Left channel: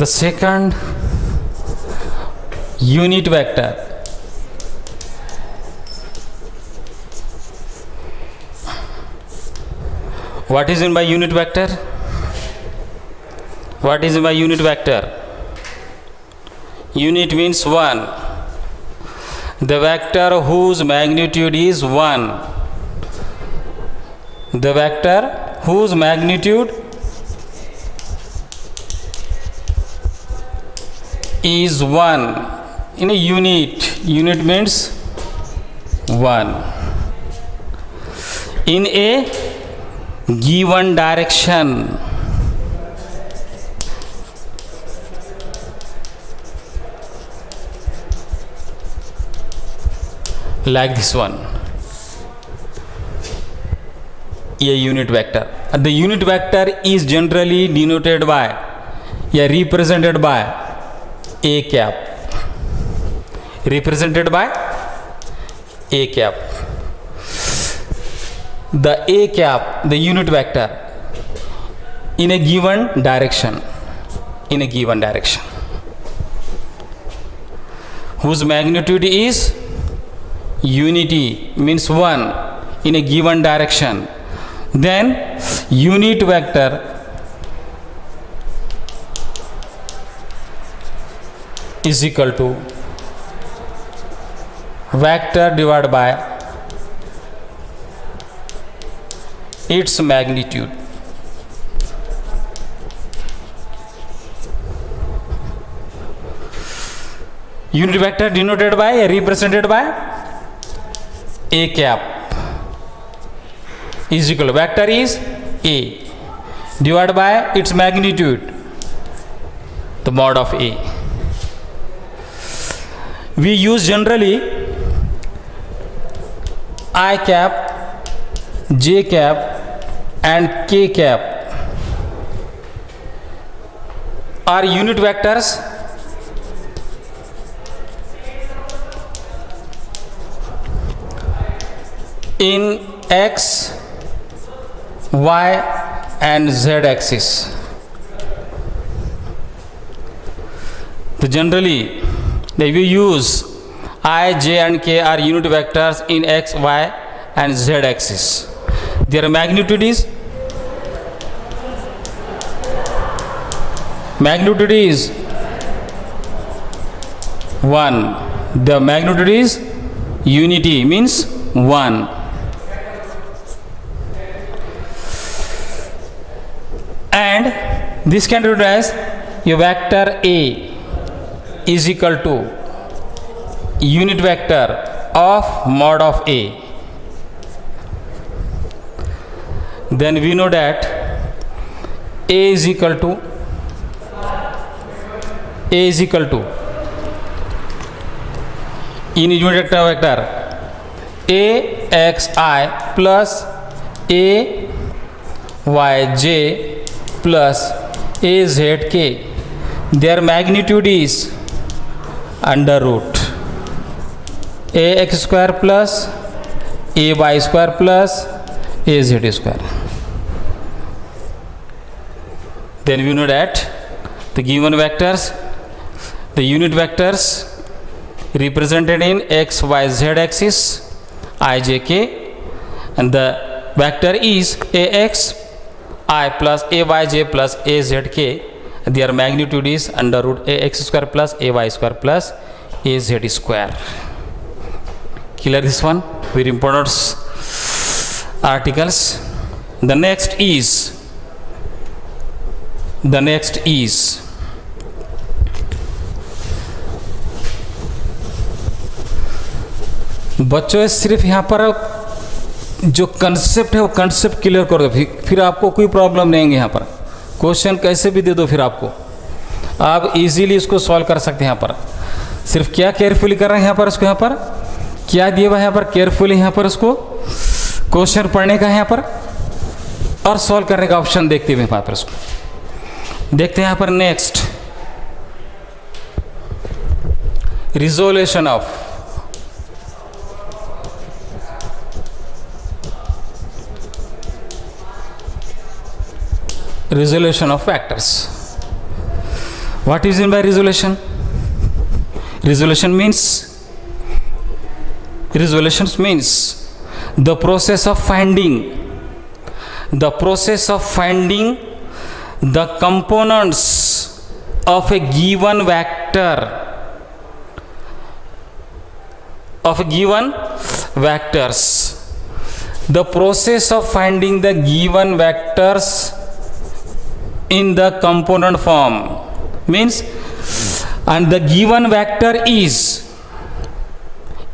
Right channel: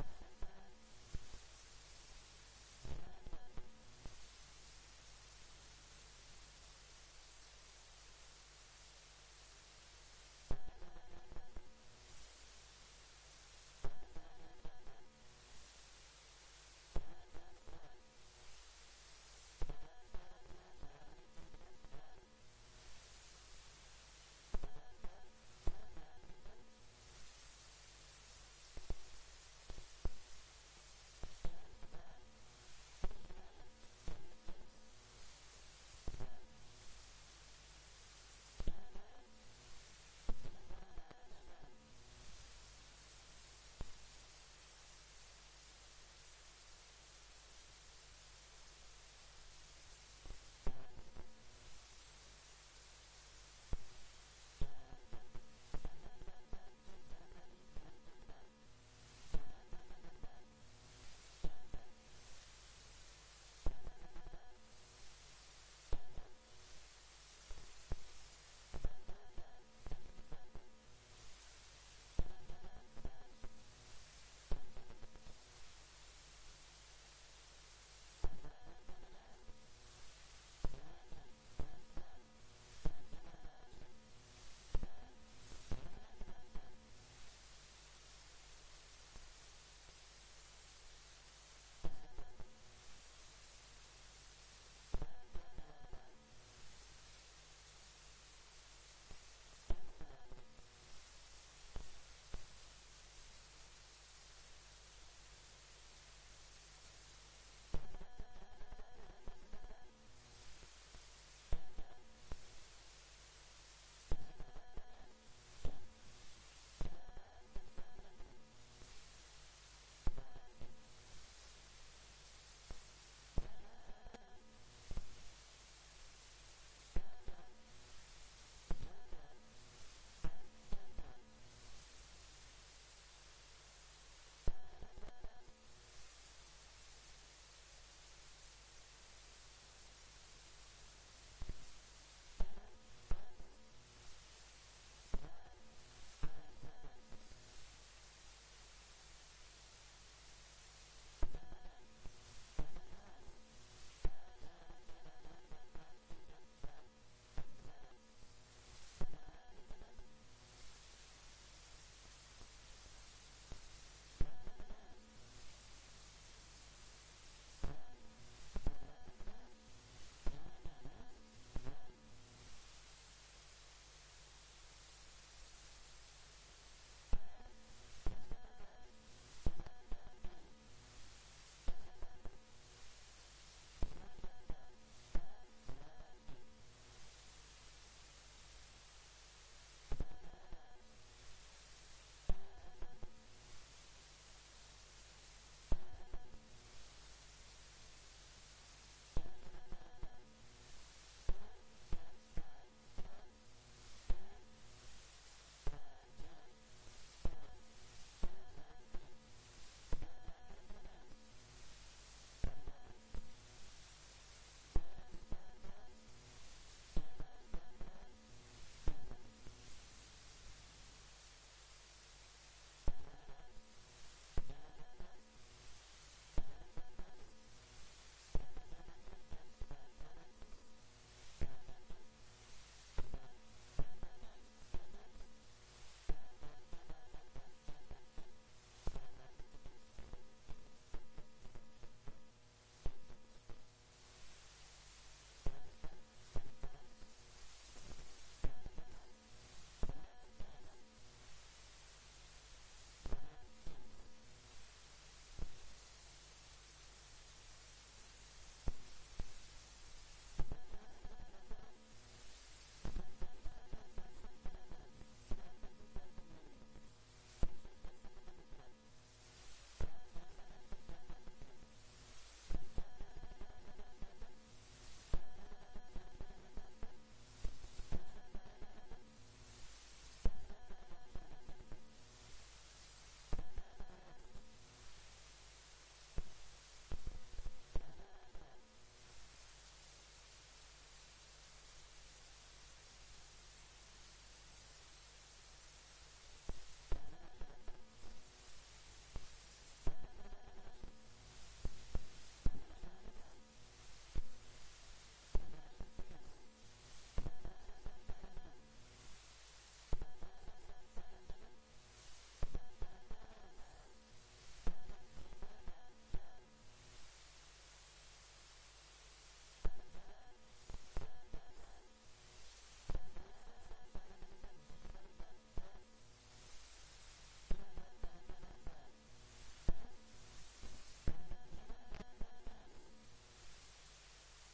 The second unit vector. What is in by unit vector? What is in by unit vector? Unit means 1. The vector whose magnitude is 1. The vector whose magnitude is 1 in a unit. Unit means 1. In a given direction. Like this one. A unit vector. The unit vector is generally denoted by, represented by a cap. Represented by a cap. The a cap, the unit vector, in a given direction. In a given direction. Whose magnitude is unity, means 1 in a given direction. Then unit vector is equal to vector divided by its magnitude. Unit vector denoted by, represented by a cap is equal to vector is a divided by its magnitude, the mod of a. We use generally I cap, j cap and k cap are unit vectors in x, y and z axis. So generally we use I, j and k are unit vectors in x, y and z axis. Their magnitude is 1. The magnitude is unity, means 1. And this can be written as a vector A is equal to unit vector of mod of A. Then we know that A is equal to in unit vector AXI plus AYJ plus AZK. Their magnitude is under root AX square plus AY square plus AZ square. Then we know that the given vectors, the unit vectors represented in x, y, z axis I, j, k, and the vector is ax I plus ayj plus azk. Their magnitude is under root ax square plus ay square plus az square. Clear this one? Very important articles. The next is बच्चों सिर्फ यहाँ पर जो concept है वो concept clear कर दो, फिर आपको कोई प्रॉब्लम नहीं है। यहाँ पर क्वेश्चन कैसे भी दे दो, फिर आपको आप इजीली इसको सॉल्व कर सकते हैं। यहाँ पर सिर्फ क्या केयरफुली कर रहे हैं, यहाँ पर इसको, यहाँ पर क्या दिया हुआ है, यहाँ पर केयरफुली यहाँ पर इसको क्वेश्चन पढ़ने का है यहाँ पर, और सॉल्व करने का ऑप्शन देखते हुए यहाँ पर इसको देखते हैं। यहाँ पर next resolution of vectors. What is meant by resolution? Resolution means the process of finding the components of a given vector, the process of finding the given vectors in the component form means, and the given vector is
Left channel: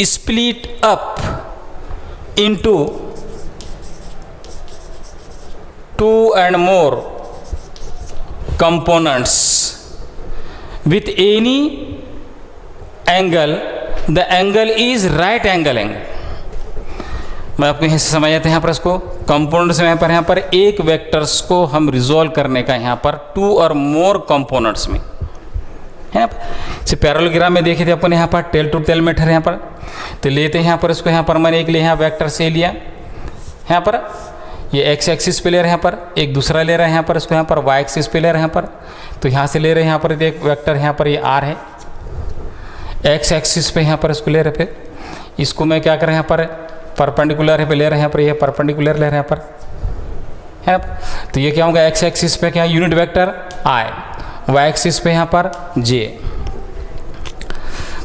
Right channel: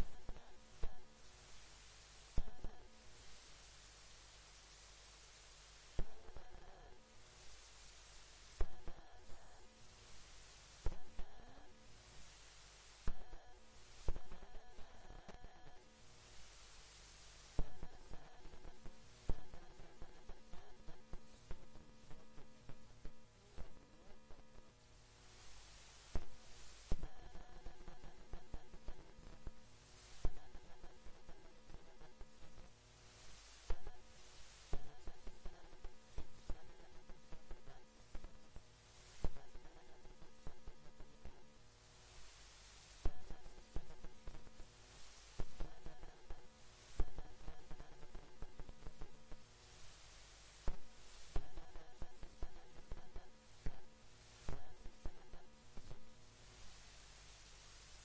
split up into two and more components with any angle. The angle is right angle angle. मैं आपको यहाँ से समझ आते हैं यहाँ पर इसको कंपोनेंट्स में यहाँ पर एक वेक्टर्स को हम रिजोल्व करने का यहाँ पर टू और मोर कंपोनेंट्स में है ना। जैसे पैरेललोग्राम में देखे थे अपन यहाँ पर टेल टू टेल मेथड यहाँ पर, तो लेते हैं यहाँ पर इसको यहाँ पर मैंने एक ले यहाँ वेक्टर से लिया यहाँ पर, ये एक्स एक्सिस पे ले रहे हैं यहाँ पर, एक दूसरा ले रहे हैं यहाँ पर इसको यहाँ पर वाई एक्सिस पे ले रहे हैं यहाँ पर, तो यहाँ से ले रहे हैं यहाँ पर एक वेक्टर यहाँ पर ये आर है, एक्स एक्सिस पे यहाँ पर इसको ले रहे, फिर इसको मैं क्या कर रहे हैं यहाँ पर परपेंडिकुलर है पे ले रहे हैं यहाँ पर, ये परपेंडिकुलर ले रहे हैं यहाँ पर है ना। तो ये क्या होगा, एक्स एक्सिस पे क्या unit vector i, y axis पे यहाँ पर जे।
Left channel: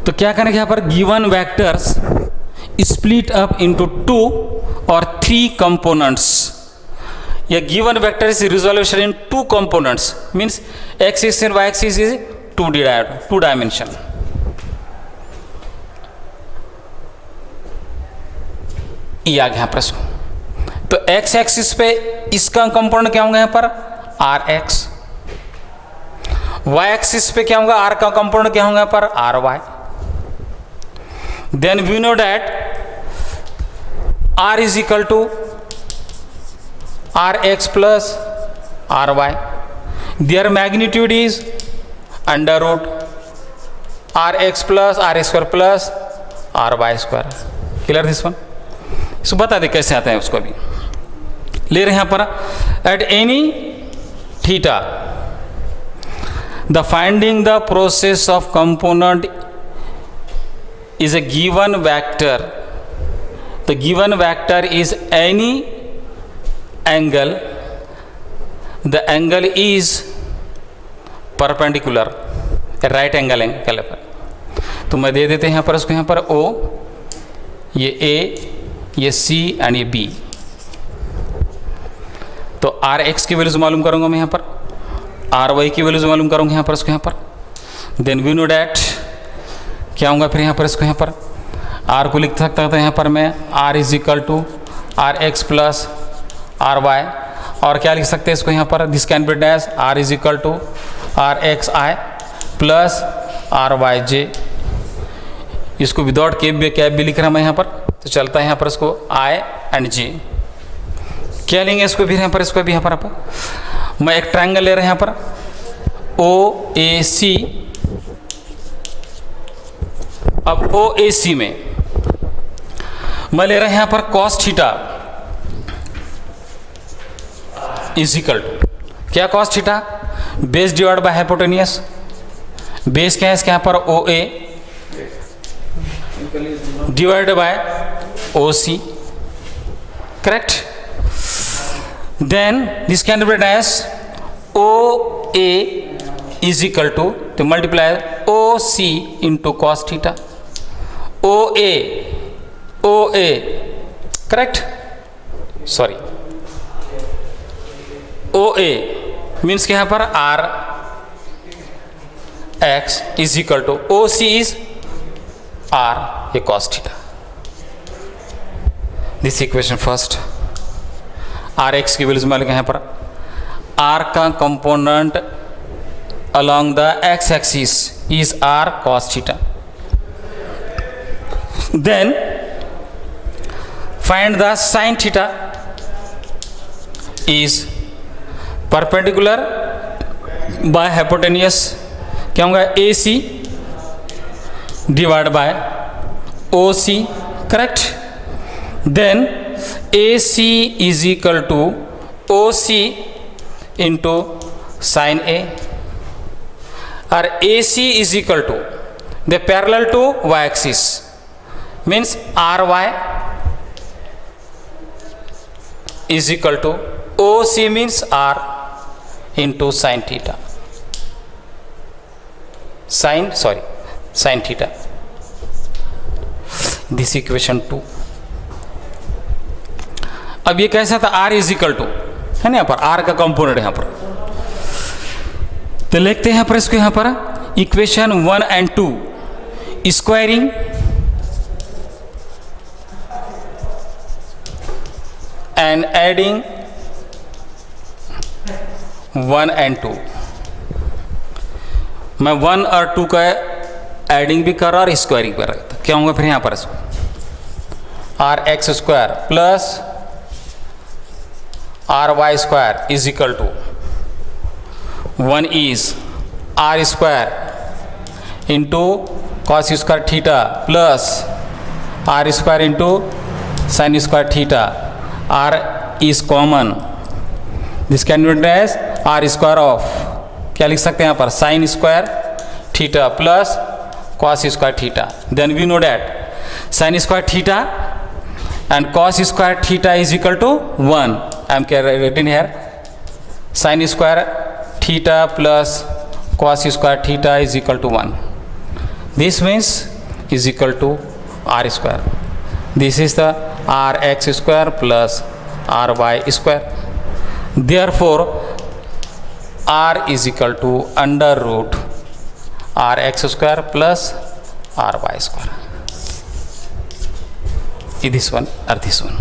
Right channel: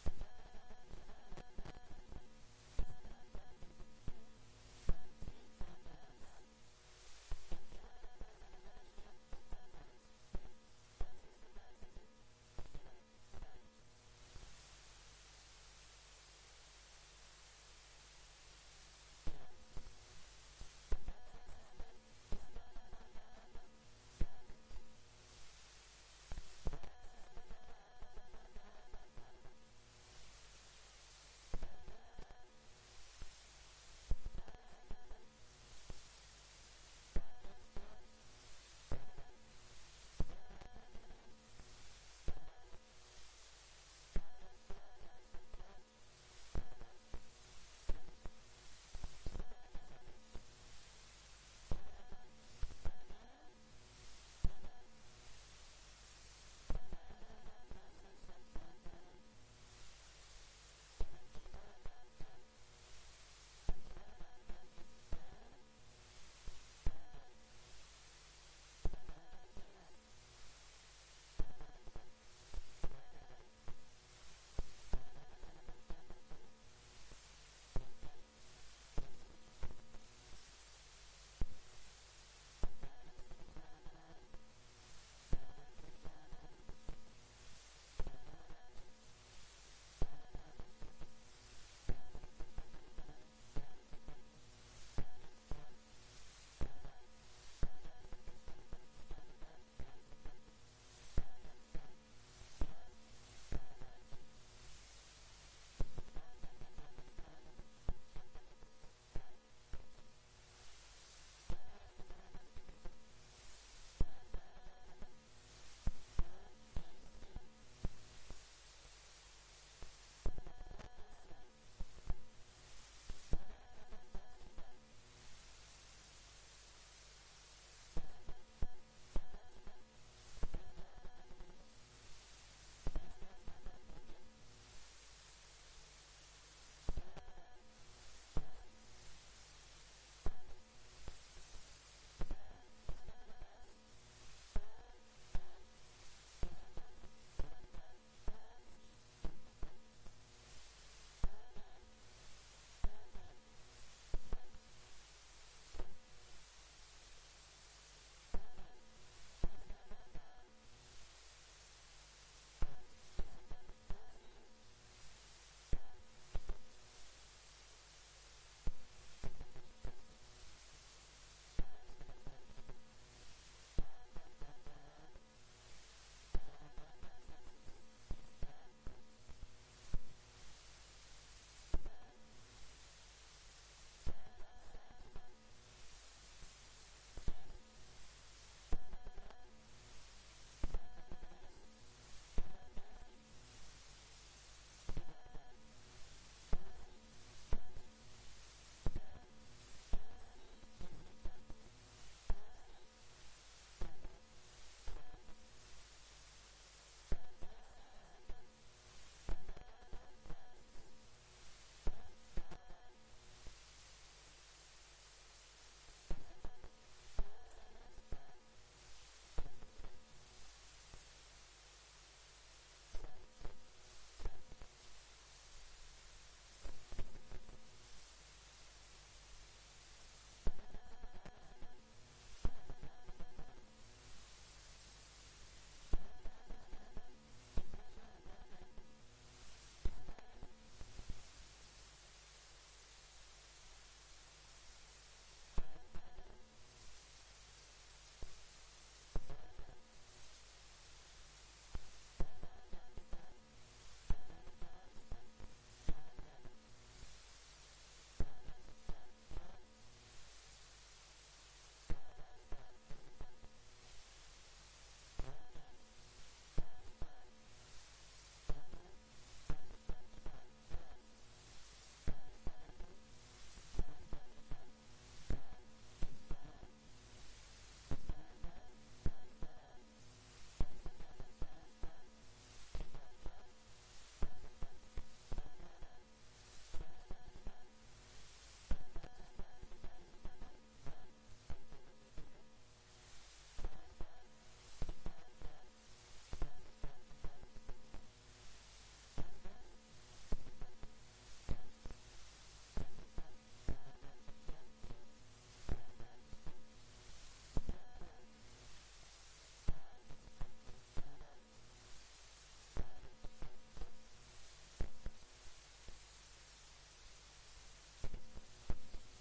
तो क्या करेंगे यहाँ पर given vectors split up into two और थ्री कंपोनेंट्स। या given vector is resolution into components means x axis and y axis is two dimension. ये आ गया यहाँ पर इसको, तो एक्स एक्सिस पे इसका कंपोनेंट क्या होगा यहाँ पर आर एक्स, वाई एक्सिस पे क्या होगा आर का कंपोनेंट क्या होगा यहाँ पर r y. Then we know that r is equal to are x plus are y, their magnitude is under root r x plus r square plus are y square. Clear this one? इसको बता दे कैसे आता है उसको भी ले रहे हैं यहाँ पर at any theta the finding the process of component is a given vector. The given vector is any angle. The angle is perpendicular, a right angle angle पर। तो मैं दे देते हैं यहाँ पर उसको यहाँ पर O, ये A, ये C एंड ये B। तो आर एक्स की वैल्यूज मालूम करूँगा मैं यहाँ पर, आर वाई की वैल्यूज मालूम करूँगा यहाँ पर उसको यहाँ पर। देन वी नो डैट क्या होगा फिर यहाँ पर इसको यहाँ पर आर को लिख सकता था यहाँ पर मैं R is equal to are x plus are Y, और क्या लिख सकते हैं इसको यहाँ पर this can be dash R is equal to are x I plus R Y J. इसको विदाउट कैप भी लिख रहा मैं यहाँ पर, तो चलता है यहाँ पर इसको आई एंड जे। क्या लेंगे इसको भी यहाँ पर, इसको भी यहाँ पर मैं एक ट्रायंगल ले रहे हैं यहाँ पर ओ ए सी। अब ओ ए सी में मैं ले रहे हैं यहाँ पर cos theta is equal to क्या, cos theta base divide by hypotenuse. Base क्या है इसके यहाँ पर O A divide by O C, correct. Then this can be dash O A is equal to तो multiply O C into cos theta. O A correct, sorry O A means के यहाँ पर R X is equal to O C is R A cos theta. This equation first, are x की values मान यहाँ पर are का component along the x axis is r cos theta. Then find the sin theta is perpendicular by hypotenuse क्या होगा AC divided by OC, correct. Then AC is equal to OC into sin A। or AC is equal to, they parallel to y axis, means ry is equal to OC means r into sin theta, sin theta. This equation 2. अब ये कैसा था, r is equal to है ना, यहाँ पर r का component यहाँ पर, तो लिखते हैं यहाँ पर इसको, यहाँ पर equation 1 and 2 squaring and adding 1 and 2. मैं 1 और 2 का एडिंग भी कर रहा और स्क्वायरिंग कर रहा था, क्या होगा फिर यहाँ पर इसको, r x square plus are y square is equal to 1 is r square into cos square theta plus r square into sine square theta. R is common, this can be written as r square of, क्या लिख सकते हैं यहाँ पर, sine square theta plus cos square theta. Then we know that sin square theta and cos square theta is equal to 1. I am written here sin square theta plus cos square theta is equal to 1. This means is equal to r square. This is the rx square plus ry square. Therefore r is equal to under root rx square plus ry square. This one or this one.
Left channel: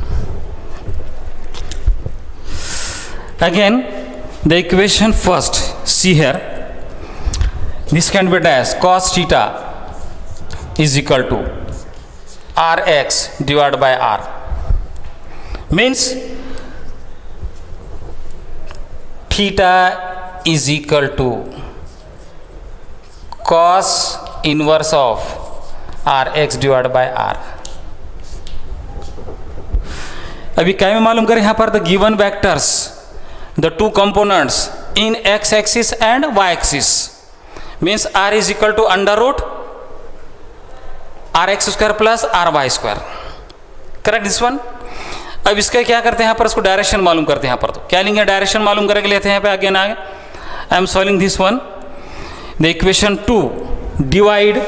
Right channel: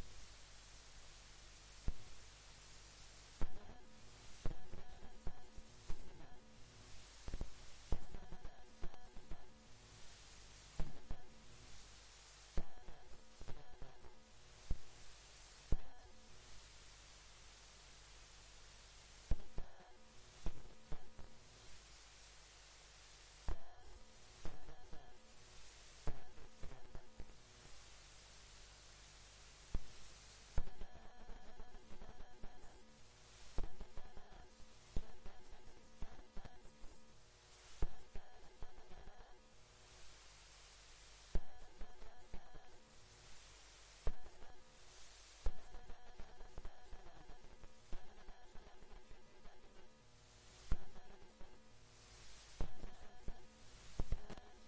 Again the equation first, see here, this can be as cos theta is equal to rx divided by r, means theta is equal to cos inverse of rx divided by r. अभी क्या में मालूम करें यहाँ पर, the given vectors, the two components in x axis and y axis, means r is equal to under root r x square plus are y square. Correct this one. अब इसका क्या करते हैं यहाँ पर, इसको डायरेक्शन मालूम करते हैं यहाँ पर, तो क्या लेंगे, डायरेक्शन मालूम करके लेते हैं यहाँ पे आगे ना आगे. I am solving this one. The equation 2 divide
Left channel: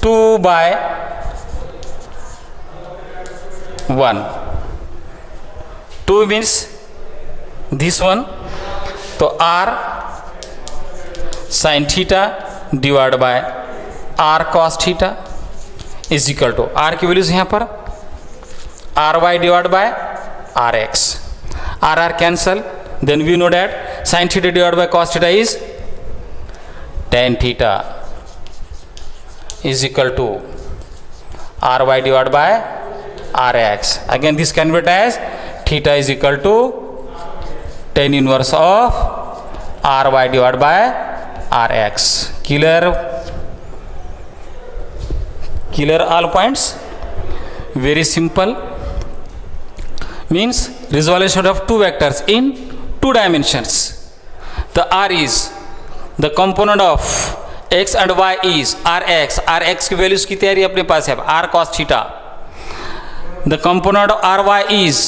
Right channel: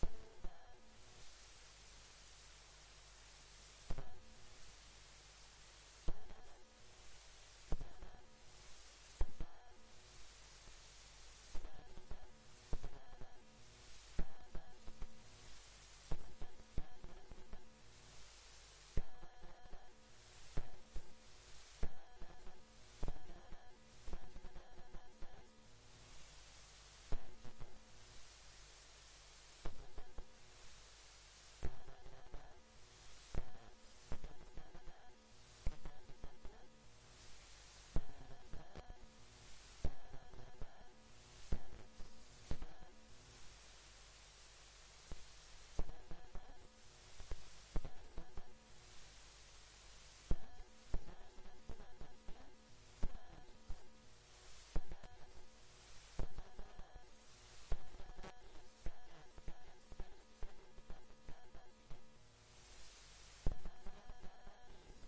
2 by 1. 2 means this one, तो r sin theta divided by r cos theta is equal to, r की वैल्यूज यहाँ पर ry divided by rx, r cancel. Then we know that sin theta divided by cos theta is tan theta is equal to ry divided by rx. Again this can be written as theta is equal to tan inverse of ry divided by rx. Clear all points? Very simple. Means resolution of two vectors in two dimensions. The r is the component of x and y is rx. rx की values की तैयारी अपने पास है, r cos theta. The component of ry is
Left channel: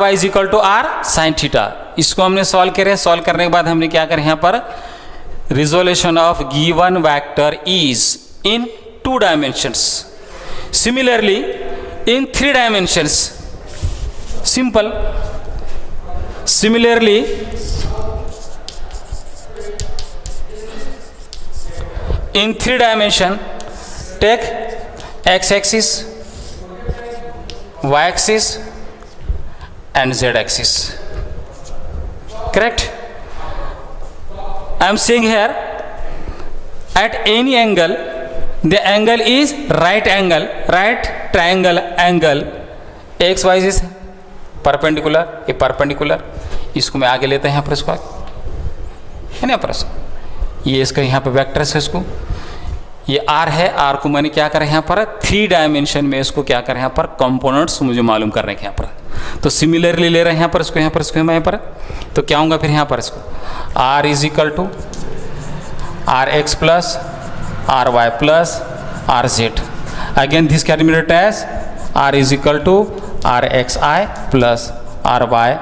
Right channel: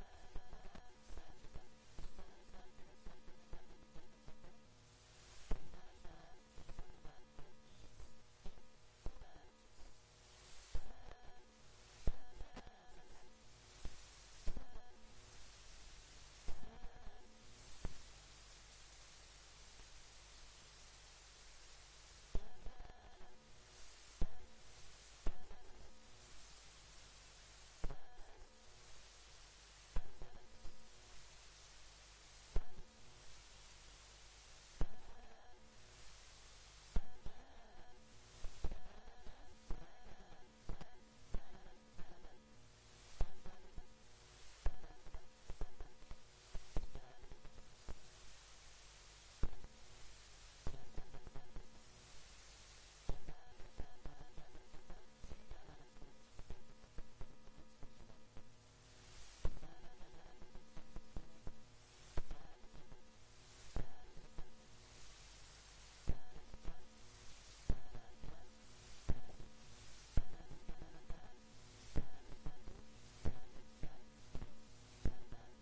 ry is equal to r sin theta. इसको हमने solve करे, solve करने के बाद हमने क्या करें यहाँ पर, resolution of given vector is in two dimensions. Similarly in three dimensions, simple. Similarly in three dimension, take x axis, y axis and z axis. Correct? I am saying here at any angle, the angle is right angle, right triangle angle, x y is perpendicular, ये perpendicular, इसको मैं आगे लेते हैं यहाँ पर, इसको है ना पर, ये इसका यहाँ पे वेक्टर है, इसको ये आर है, आर को मैंने क्या करें यहाँ पर, थ्री डायमेंशन में इसको क्या करें यहाँ पर, कंपोनेंट्स मुझे मालूम करने के यहाँ पर. तो सिमिलरली ले रहे हैं यहाँ पर इसको, यहाँ पर इसको, यहाँ पर, तो क्या होगा फिर यहाँ पर इसको r is equal to are x plus are y plus r z. Again this can be written as r is equal to are x I plus R Y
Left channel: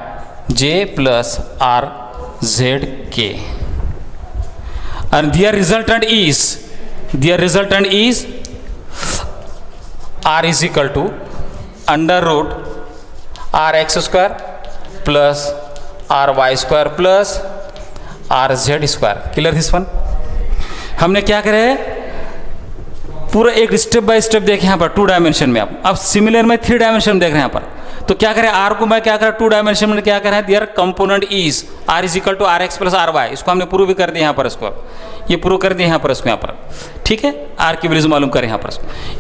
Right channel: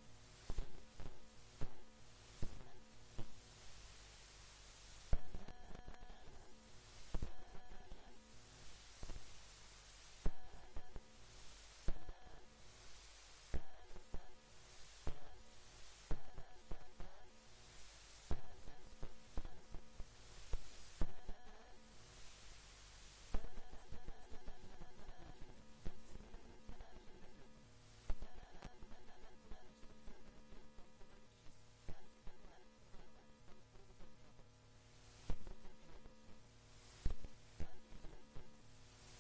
j plus r z k. And their resultant is r is equal to under root r x square plus r y square plus r z square। Clear this one? हमने क्या करे, पूरा एक step by step देखे यहाँ पर 2 dimension में। अब सिमिलर में 3 डायमेंशन देख रहे हैं यहाँ पर, तो क्या करें, आर को मैं क्या करें 2 डायमेंशन में क्या करें, their component is R is equal to are x plus are Y. इसको हमने प्रूव भी कर दिया यहाँ पर, इसको ये प्रूव कर दिया यहाँ पर, इसको यहाँ पर, ठीक है। आर की वैल्यूज मालूम करें यहाँ पर,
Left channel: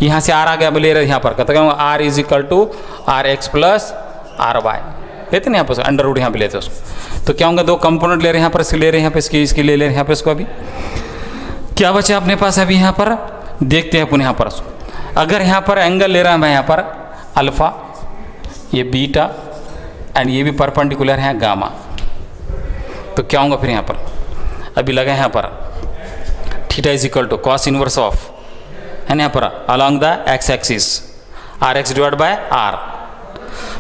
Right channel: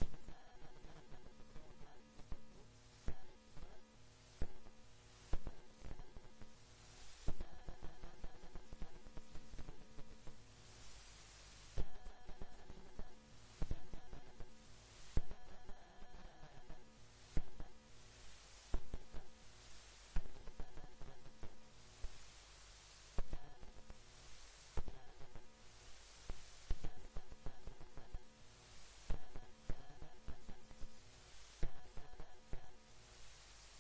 यहाँ से आर आ गया, ले रहे यहाँ पर कहते हैं r is equal to are x plus are y लेते ना यहाँ पर, अंडर रूट यहाँ पे लेते उसको, तो क्या होगा 2 कंपोनेंट ले रहे हैं यहाँ पर, इसके ले रहे हैं यहाँ पे, इसकी ले रहे हैं यहाँ पे इसको। अभी क्या बचा अपने पास, अभी यहाँ पर देखते हैं अपन यहाँ पर, अगर यहाँ पर एंगल ले रहा है मैं यहाँ पर अल्फा, ये बीटा एंड ये भी परपेंडिकुलर है गामा, तो क्या होगा फिर यहाँ पर, अभी लगा यहाँ पर theta is equal to cos inverse of है ना यहाँ पर along the X axis R X divide by R.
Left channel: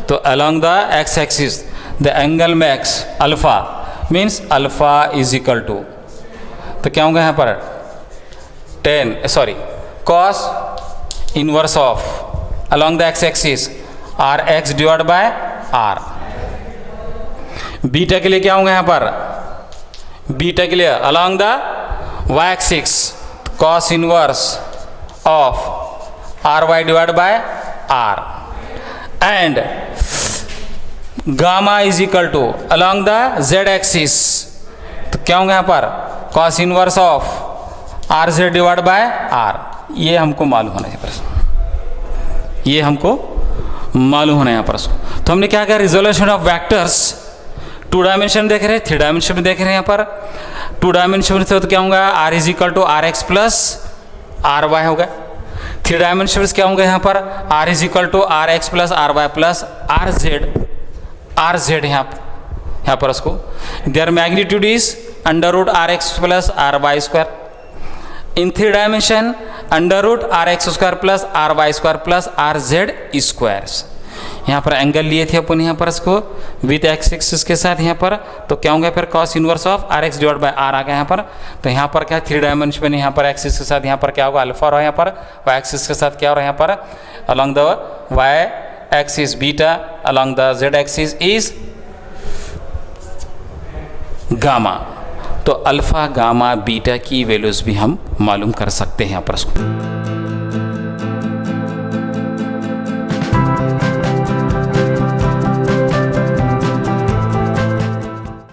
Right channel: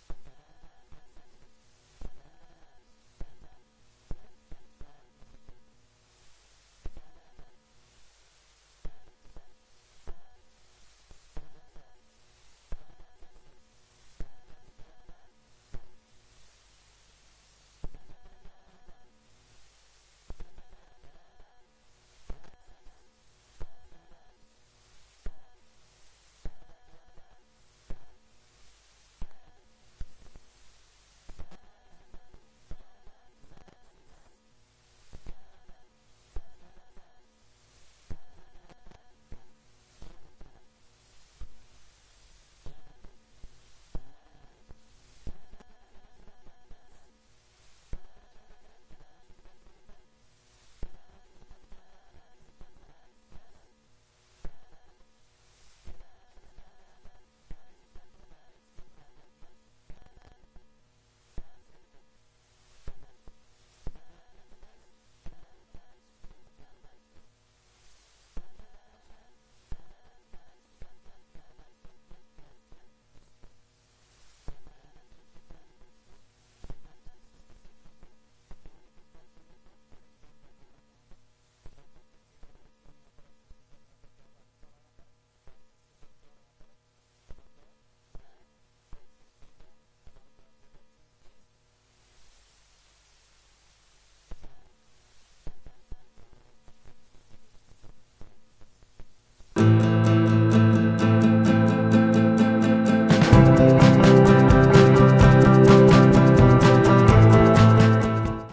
तो along the X axis the angle makes alpha means alpha is equal to, तो क्या होगा यहाँ पर cos inverse of along the X axis R X divide by R. Beta के लिए क्या होगा यहाँ पर, बीटा के लिए along the Y axis cos inverse of r y divide by r and gamma is equal to along the z axis, तो क्या होगा यहाँ पर cos inverse of r z divide by r. ये हमको मालूम होना है पर, ये हमको मालूम होना है यहाँ पर उसको। तो हमने क्या किया, रिजोल्यूशन ऑफ वेक्टर्स 2 डायमेंशन देख रहे हैं, 3 डायमेंशन में देख रहे हैं यहाँ पर। 2 डायमेंशन से तो क्या होगा, r is equal to are x plus are y होगा। 3 डायमेंशन में क्या होगा यहाँ पर, r is equal to are x plus are y plus r z यहाँ पर उसको। Their magnitude is under root r x plus are y square. In 3 dimension under root r x square plus are y square plus r z squares. यहाँ पर angle लिए थे अपन यहाँ पर इसको विथ एक्स एक्सिस के साथ यहाँ पर, तो क्या होंगे फिर cos inverse of R X divide by R आ गया यहाँ पर। तो यहाँ पर क्या 3 डायमेंशन में यहाँ पर एक्सिस के साथ यहाँ पर क्या होगा अल्फा रहा, यहाँ पर वाई एक्सिस के साथ क्या हो रहा है यहाँ पर along the Y axis beta along the z axis is gamma. तो अल्फा गामा बीटा की वैल्यूज भी हम मालूम कर सकते हैं यहाँ पर उसको।